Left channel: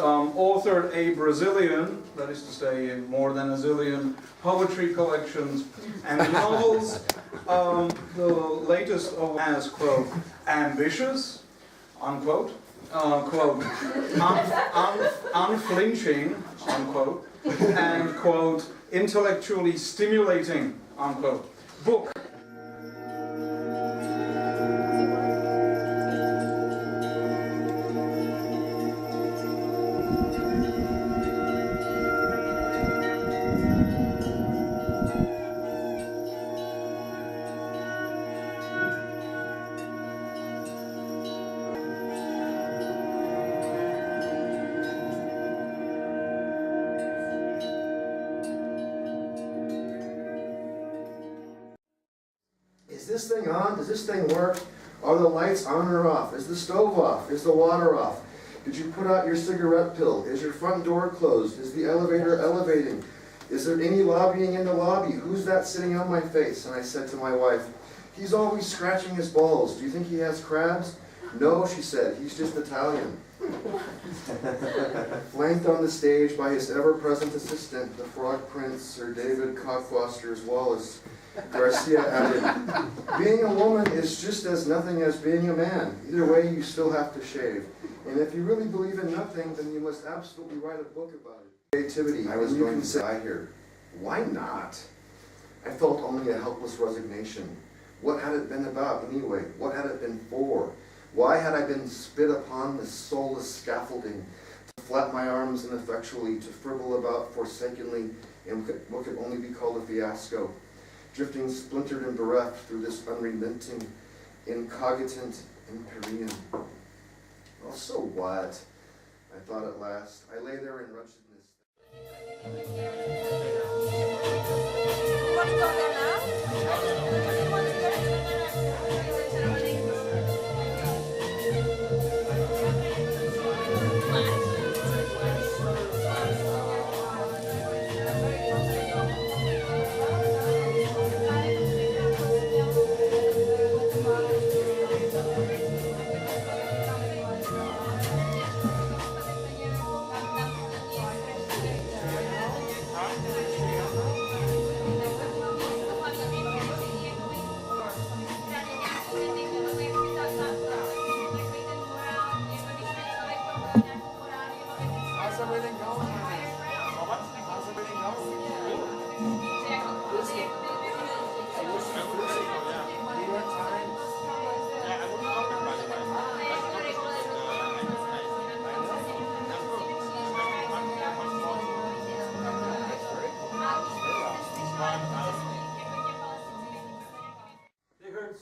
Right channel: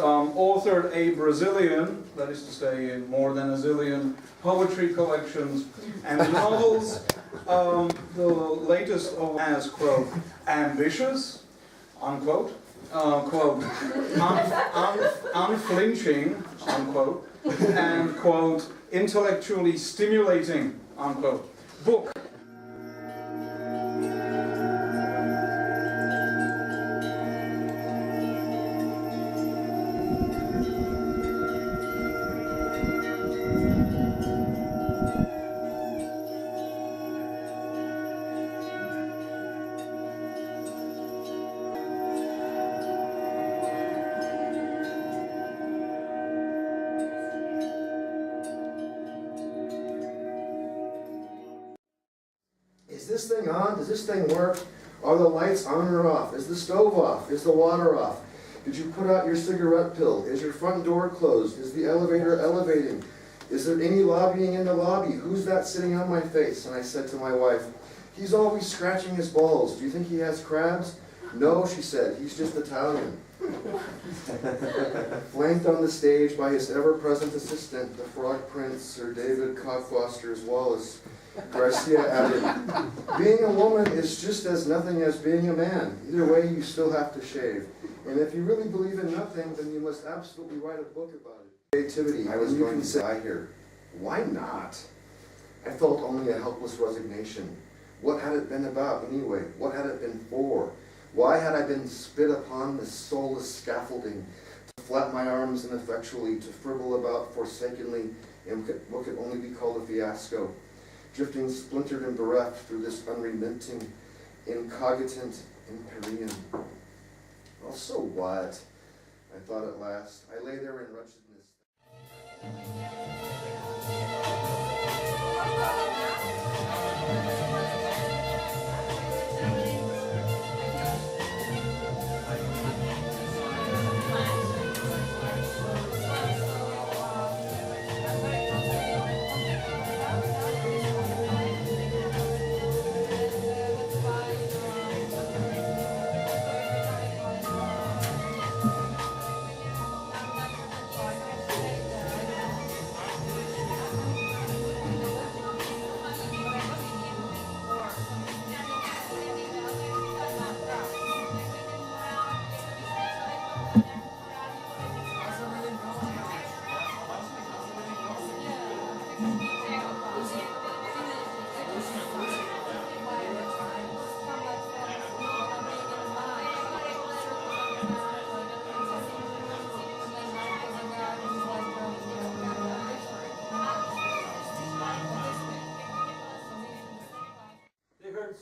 Authored a Brazilian, that is to say more than a zillion, poetry collections and novels. The latest as, quote, ambitious, unquote, quote, unflinching, unquote, and, quote, intellectually stimulating, unquote, book. Is this thing on? Does this thing work? Are the lights on or off? Is the stove off? Is the water off? Did you put out your cigarette pill? Is your front door closed? Is the elevator elevating? Is there any lobbying in the lobby? Who's that sitting on my face? And I said to my wife, he's always scratching his balls. Do you think he has crabs? No, she said, he's just Italian. Flanked on the stage by his ever-present assistant, the Frog Prince, Sir David Cockfosters Wallace, Garcia added, being a woman is just as nothing as being a man. Either way, you still have to shave. And if you really believe in nothing, then you must absolutely write a book about it. Creativity. I was going to say, I hear, why not? I felt only a helpless resignation. What had it been about anyway? What had it been for? Why had I been spit upon this soulless scaffolding, to flap my arms ineffectually, to fribble about forsakenly in what could only be called a fiasco, drifting splintered and bereft through this unrelenting, incogitant Empyrean? Well, so what? I thought at last. I lay there in wretchedness.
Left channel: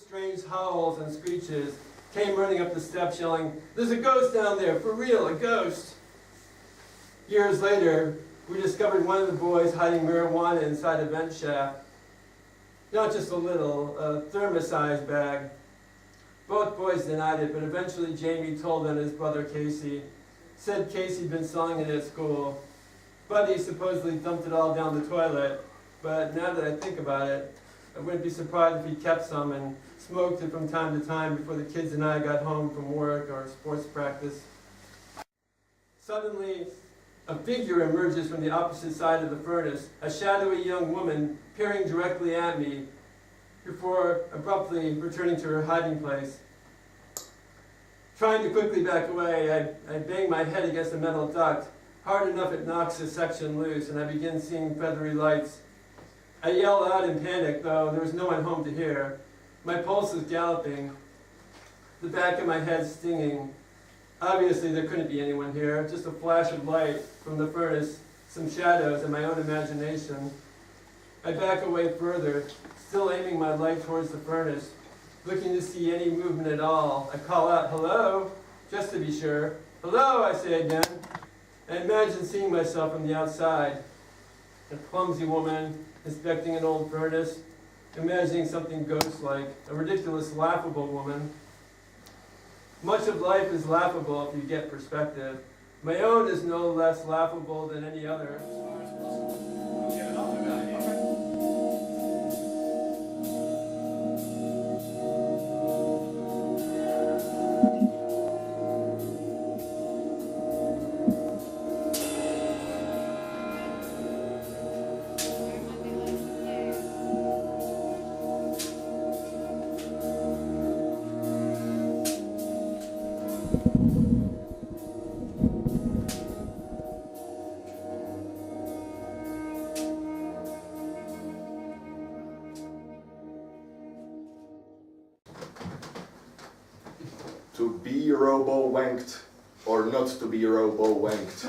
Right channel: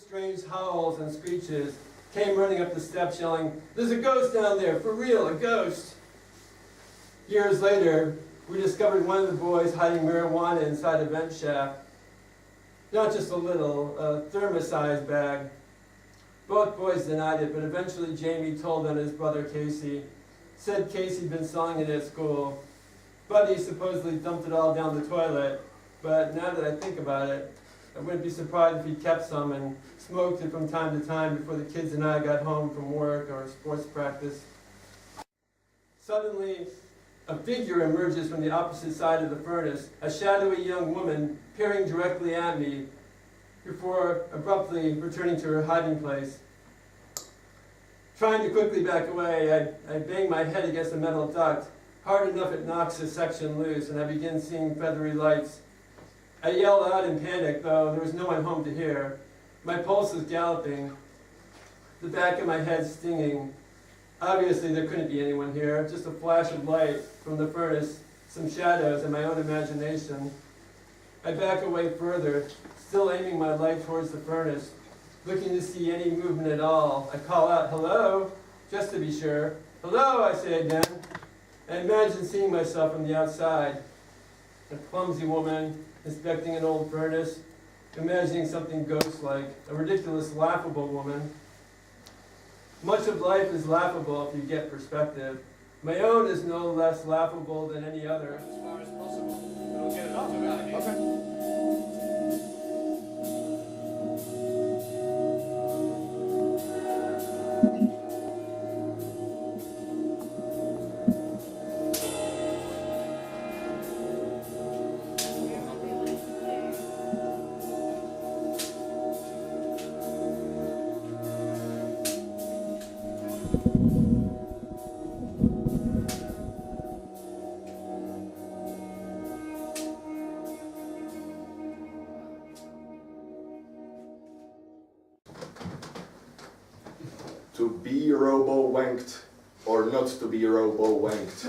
Strange howls and screeches, came running up the steps yelling, "There's a ghost down there, for real, a ghost!" Years later, we discovered one of the boys hiding marijuana inside a vent shaft. Not just a little, a thermos-sized bag. Both boys denied it, but eventually Jamie told on his brother Casey. Said Casey'd been selling it at school. Buddy supposedly dumped it all down the toilet, but now that I think about it, I wouldn't be surprised if he kept some and smoked it from time to time before the kids and I got home from work or sports practice. Suddenly, a figure emerges from the opposite side of the furnace, a shadowy young woman peering directly at me before abruptly returning to her hiding place. Trying to quickly back away, I bang my head against a metal duct. Hard enough it knocks the section loose, and I begin seeing feathery lights. I yell out in panic, though there was no one home to hear. My pulse is galloping, the back of my head stinging. Obviously there couldn't be anyone here, just a flash of light from the furnace, some shadows and my own imagination. I back away further, still aiming my light towards the furnace, looking to see any movement at all. I call out, "Hello," just to be sure. "Hello," I say again. I imagine seeing myself from the outside. A clumsy woman inspecting an old furnace, imagining something ghost-like, a ridiculous, laughable woman. Much of life is laughable if you get perspective. My own is no less laughable than any other. To be robo-wanked or not to be robo-wanked.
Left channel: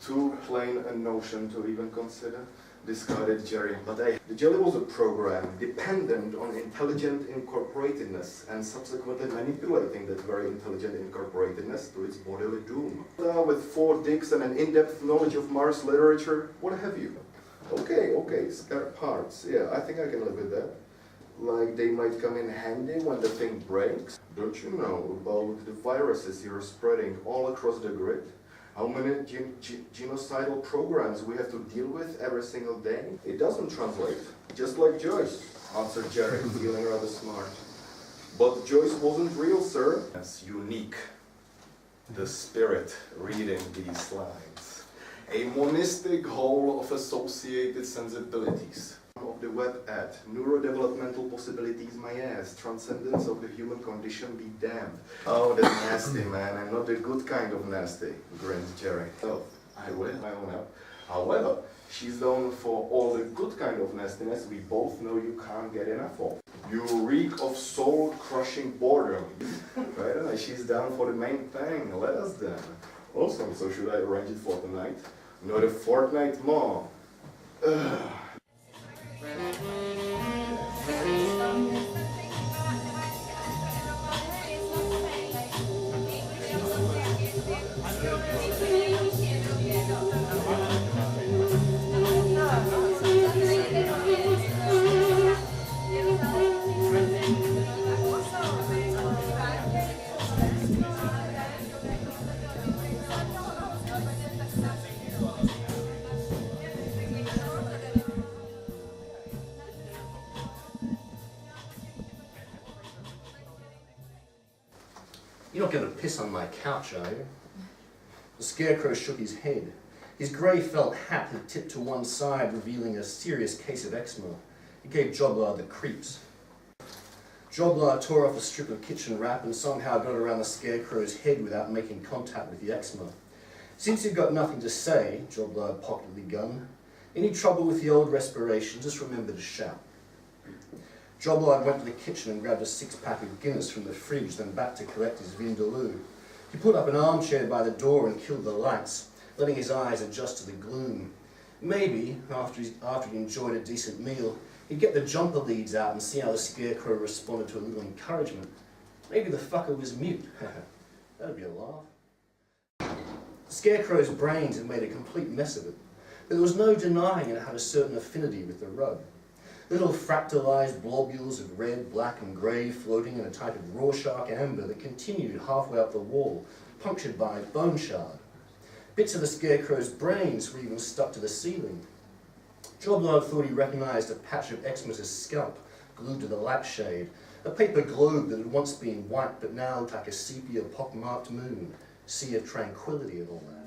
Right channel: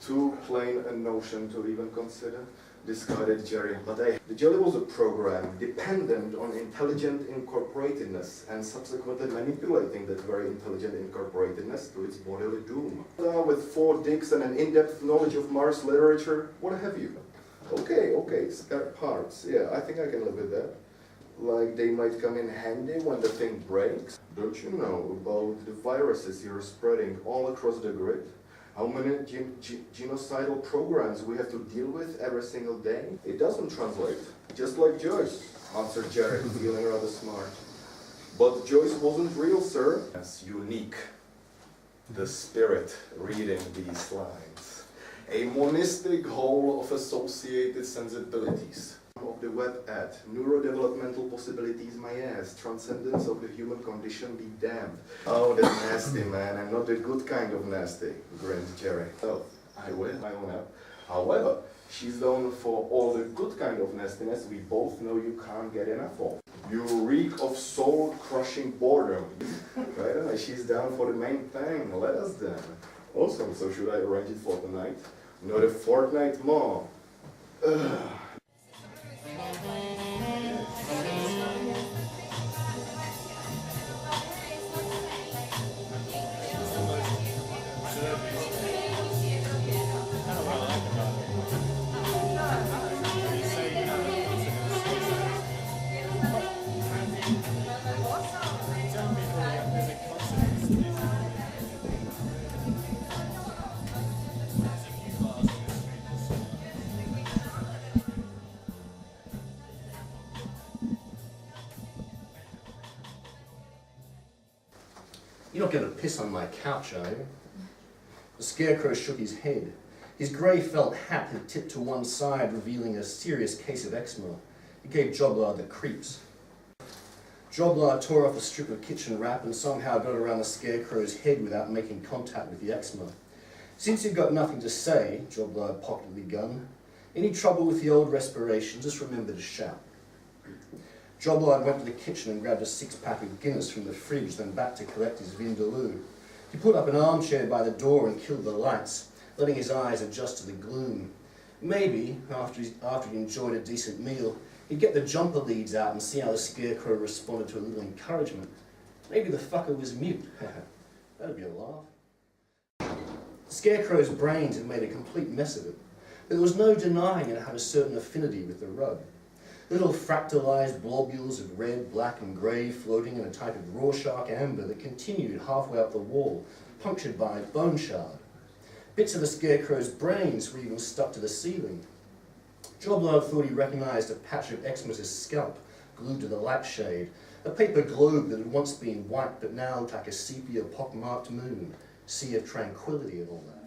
Too plain a notion to even consider, discarded Jerry. But the jelly was a program dependent on intelligent incorporatedness and subsequently manipulating that very intelligent incorporatedness to its bodily doom. With 4 dicks and an in-depth knowledge of Mars literature, what have you? Okay, spare parts. Yeah, I think I can live with that. Like they might come in handy when the thing breaks. Don't you know about the viruses you're spreading all across the grid? How many genocidal programs we have to deal with every single day? It doesn't translate. Just like Joyce, answered Jerry, feeling rather smart. But Joyce wasn't real, sir. That's unique. The spirit reading these lines. A monistic whole of associated sensibilities. Of the web ad, neurodevelopmental possibilities, my ass, transcendence of the human condition be damned. Oh, that's nasty, man, and not the good kind of nasty, grinned Jerry. Oh, I will, I own up. However, she's known for all the good kind of nastiness we both know you can't get enough of. You reek of soul-crushing boredom. Right, she's down for the main thing, let us then. Awesome, so should I arrange it for tonight? Not a fortnight more. Ugh. You're not going to piss on my couch, are you? The Scarecrow shook his head. His grey felt hat had tipped to one side, revealing a serious case of eczema. It gave Joblard the creeps. Joblard tore off a strip of kitchen wrap and somehow got around the Scarecrow's head without making contact with the eczema. Since he'd got nothing to say, Joblard pocketed the gun. Any trouble with the old respiration, just remember to shout. Joblard went to the kitchen and grabbed a 6-pack of Guinness from the fridge, then back to collect his Vindaloo. He put up an armchair by the door and killed the lights, letting his eyes adjust to the gloom. Maybe, after he'd enjoyed a decent meal, he'd get the jumper leads out and see how the Scarecrow responded to a little encouragement. Maybe the fucker was mute. That'd be a laugh. The Scarecrow's brains had made a complete mess of it, but there was no denying it had a certain affinity with the rug. Little fractalized globules of red, black and grey floating in a type of Rorschach amber that continued halfway up the wall, punctured by a bone shard. Bits of the Scarecrow's brains were even stuck to the ceiling. Joblard thought he recognised a patch of Xmas' scalp glued to the lampshade, a paper globe that had once been white but now looked like a sepia pockmarked moon, sea of tranquility and all that.